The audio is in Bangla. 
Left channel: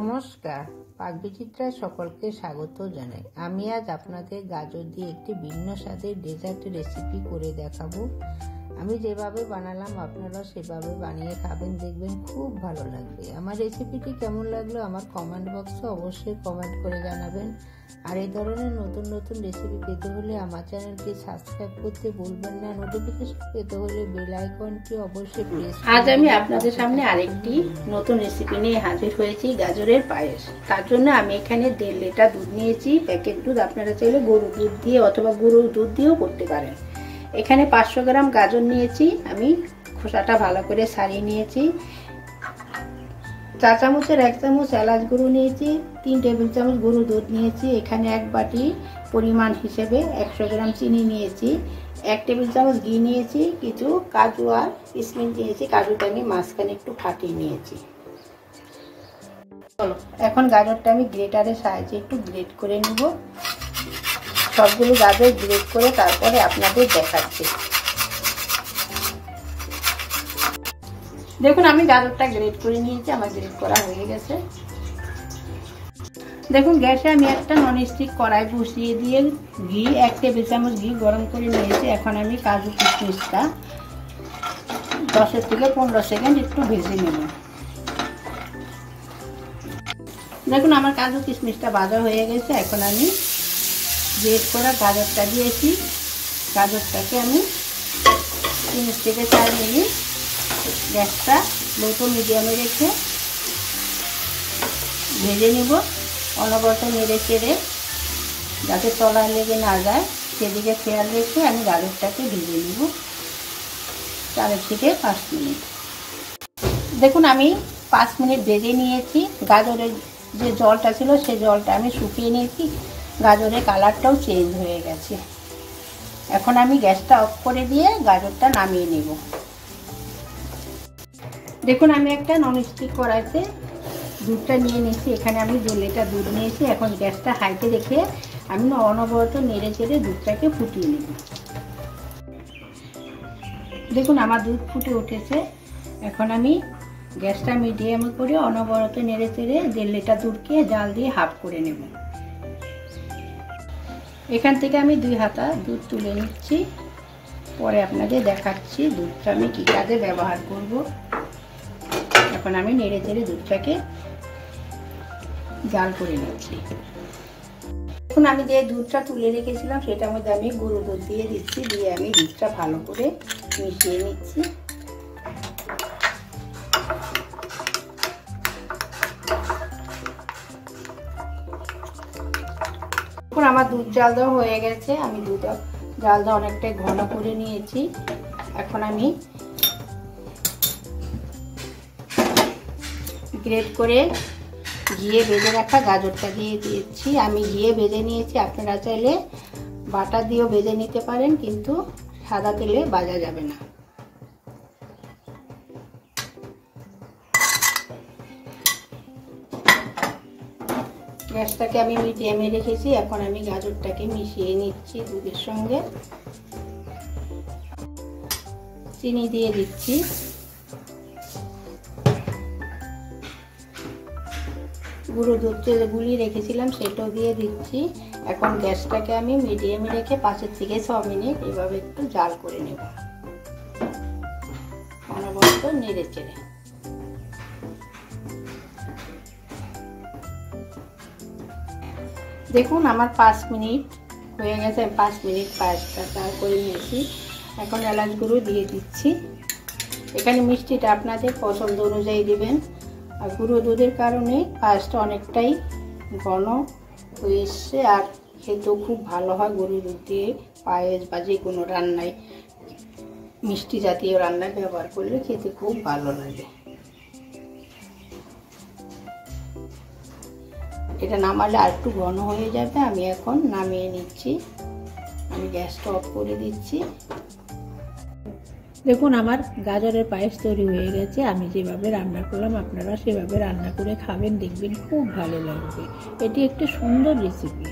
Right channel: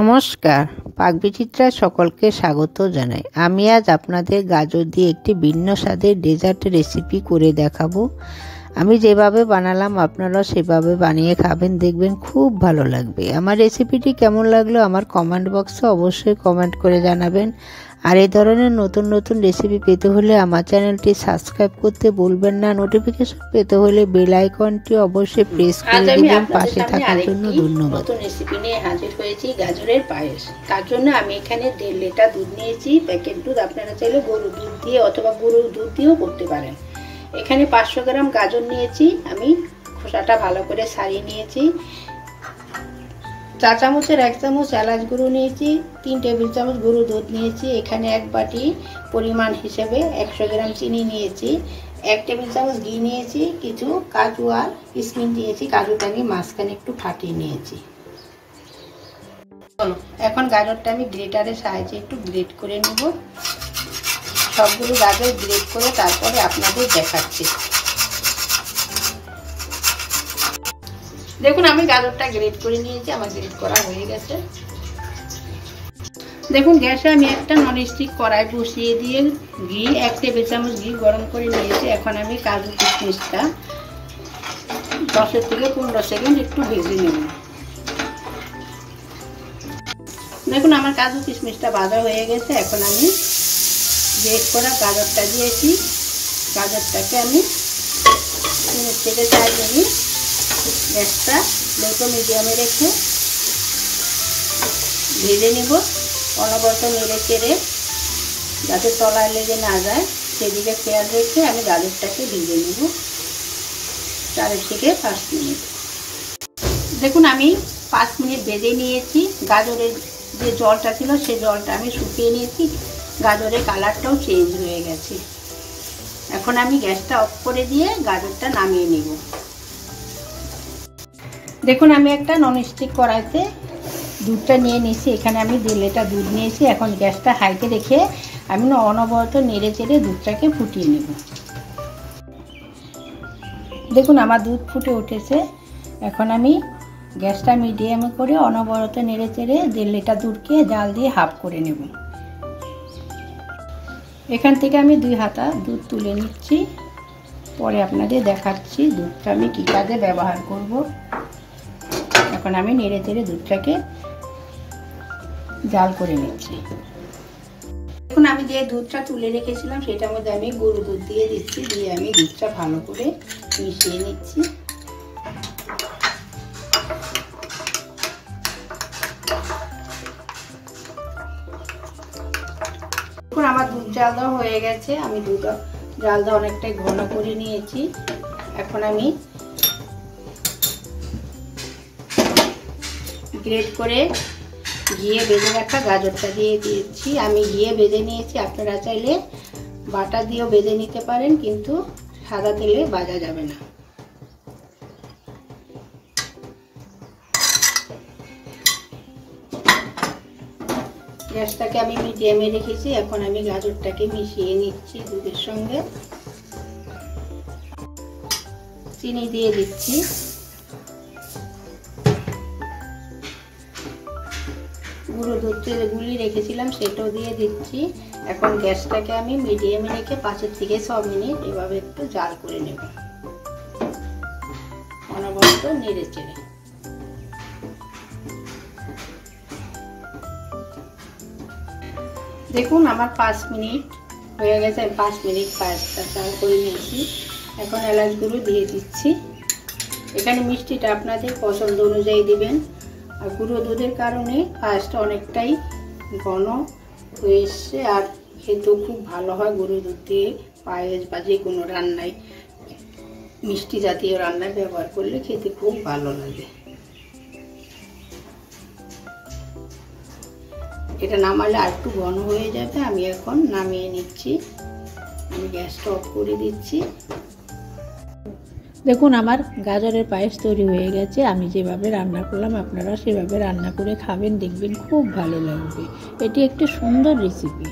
নমস্কার, পাকবিচিত্রায় সকলকে স্বাগত জানাই। আমি আজ আপনাদের গাজর দিয়ে একটি ভিন্ন স্বাদের ডেজার্ট রেসিপি করে দেখাবো। আমি যেভাবে বানালাম আপনারা সেভাবে বানিয়ে খাবেন, দেখবেন খুব ভালো লাগবে। আমার রেসিপিটি কেমন লাগলো আমার কমেন্ট বক্সে অবশ্যই কমেন্ট করে জানাবেন। আর এই ধরনের নতুন নতুন রেসিপি পেতে হলে আমার চ্যানেলটি সাবস্ক্রাইব করতে ভুলবেন না। নোটিফিকেশন পেতে হলে বেল আইকনটি অবশ্যই প্রেস করে দিবেন। পাশে থাকার জন্য ধন্যবাদ। নতুন রেসিপি নিয়ে হাজির হয়েছি, গাজরের পায়েস। তার জন্য আমি এখানে 1.5 লিটার দুধ নিয়েছি। প্যাকেট দুধ, আপনারা চাইলে গরুর দুধ দিয়ে অথবা গরুর দুধ দিয়েও করতে পারেন। এখানে 500 গ্রাম গাজর নিয়েছি, আমি খোসাটা ভালো করে ছাড়িয়ে নিয়েছি। 4 চামচের 1 চামচ এলাচ গুঁড়ো নিয়েছি। 3 টেবিল চামচ গরুর দুধ নিয়েছি। এখানে 1 বাটি পরিমাণ হিসেবে 100 গ্রাম চিনি নিয়েছি। 1 টেবিল চামচ ঘি নিয়েছি। কিছু কাজু আর কিশমিশ দিয়েছি। কাজুটাকে মাঝখানে একটু ফাটিয়ে নিয়েছি। এখন গাজরটা আমি গ্রেটারের সাহায্যে একটু গ্রেট করে নেব। সবগুলো গাজর গ্রেট করে তারপরে আপনাদের দেখাচ্ছি। দেখুন, আমি গাজরটা গ্রেট করে নিয়েছি, আমার গ্রেট করা হয়ে গেছে। দেখুন, গ্যাসে আমি একটা ননস্টিক কড়াই বসিয়ে দিয়ে ঘি 1 টেবিল চামচ ঘি গরম করে নিয়েছি। এখন আমি কাজু কিশমিশটা 10 থেকে 15 সেকেন্ড একটু ভেজে নেব। দেখুন, আমার কাজু কিশমিশটা ভাজা হয়ে গেছে। এখন আমি গ্রেট করা গাজরটা দিয়েছি। গাজরটাকে আমি 3 থেকে 4 মিনিট গ্যাসটা লো টু মিডিয়ামে রেখে ভেজে নিব। অনবরত নেড়ে চেড়ে যাতে তলায় লেগে না যায় সেদিকে খেয়াল রেখে আমি গাজরটাকে ভেজে নেব 4 থেকে 5 মিনিট। দেখুন, আমি 5 মিনিট ভেজে নিয়েছি। গাজরের যে জলটা ছিল সেই জলটা আমি শুকিয়ে নিয়েছি। গাজরের কালারটাও চেঞ্জ হয়ে গেছে। এখন আমি গ্যাসটা অফ করে দিয়ে গাজরটা নামিয়ে নেব। দেখুন, আমি একটা ননস্টিক কড়াইতে দুধটা নিয়ে নিয়েছি। এখানে আমি 2 লিটার দুধ নিয়েছি। এখন গ্যাসটা হাইতে রেখে আমি অনবরত নেড়ে চেড়ে দুধটাকে ফুটিয়ে নেব। দেখুন, আমার দুধ ফুটে উঠেছে। এখন আমি গ্যাসটা মিডিয়ামে করে অনবরত নেড়ে চেড়ে 1.5 লিটার দুধকে জাল দিয়ে হাফ করে নেব। এখান থেকে আমি 2 হাতা দুধ তুলে নিচ্ছি, পরে আপনাদের দেখাচ্ছি দুধটা আমি কী কাজে ব্যবহার করব। এখন আমি নেড়ে চেড়ে দুধটাকে জাল করে নিচ্ছি। এখন আমি যে দুধটা তুলে রেখেছিলাম সেটার মধ্যে আমি গরুর দুধ দিয়ে দিচ্ছি। দিয়ে আমি দুধটা ভালো করে মিশিয়ে নিচ্ছি। এখন আমার দুধ জাল দেওয়া হয়ে গেছে। আমি দুধ জাল দেওয়া অনেকটাই ঘন করে নিয়েছি। এখন আমি গ্রেট করে ঘিয়ে ভেজে রাখা গাজরটা দিয়ে দিয়েছি। আমি ঘিয়ে ভেজে নিয়েছি। আপনারা চাইলে বাটা দিয়েও ভেজে নিতে পারেন, কিন্তু সাদা তেলে ভাজা যাবে না। গ্যাসটাকে আমি মিডিয়ামে রেখেছি। এখন আমি গাজরটাকে মিশিয়ে নিচ্ছি দুধের সঙ্গে। চিনি দিয়ে দিচ্ছি। গুঁড়ো দুধটা গুলিয়ে রেখেছিলাম সেটাও দিয়ে দিচ্ছি। এখন গ্যাসটাকে আমি মিডিয়ামে রেখে 5 থেকে 6 মিনিট এভাবে একটু জাল করে নেব, অনবরত নেড়ে চেড়ে। দেখুন, আমার 5 মিনিট হয়ে গেছে। 5 মিনিট পায়েসটা জাল করে নিয়েছি। এখন এলাচ গুঁড়ো দিয়ে দিচ্ছি। এখানে মিষ্টিটা আপনাদের পছন্দ অনুযায়ী দিবেন। আর গুঁড়ো দুধের কারণে পায়েসটা অনেকটাই ঘন হয়ে এসছে, আর খেতেও খুব ভালো হয়। গরু দুধ দিয়ে পায়েস বা যে কোনো রান্নায়, মিষ্টি জাতীয় রান্নায় ব্যবহার করলে খেতে খুব ভালো লাগে। এটা নামালে আর একটু ঘন হয়ে যাবে। আমি এখন নামিয়ে নিচ্ছি। আমি গ্যাসটা অফ করে দিচ্ছি। দেখুন, আমার গাজরের পায়েস তৈরি হয়ে গেছে। আমি যেভাবে রান্না করলাম আপনারা সেভাবে রান্না করে খাবেন, দেখবেন খুব ভালো লাগবে। এটি একটি সুন্দর রেসিপি।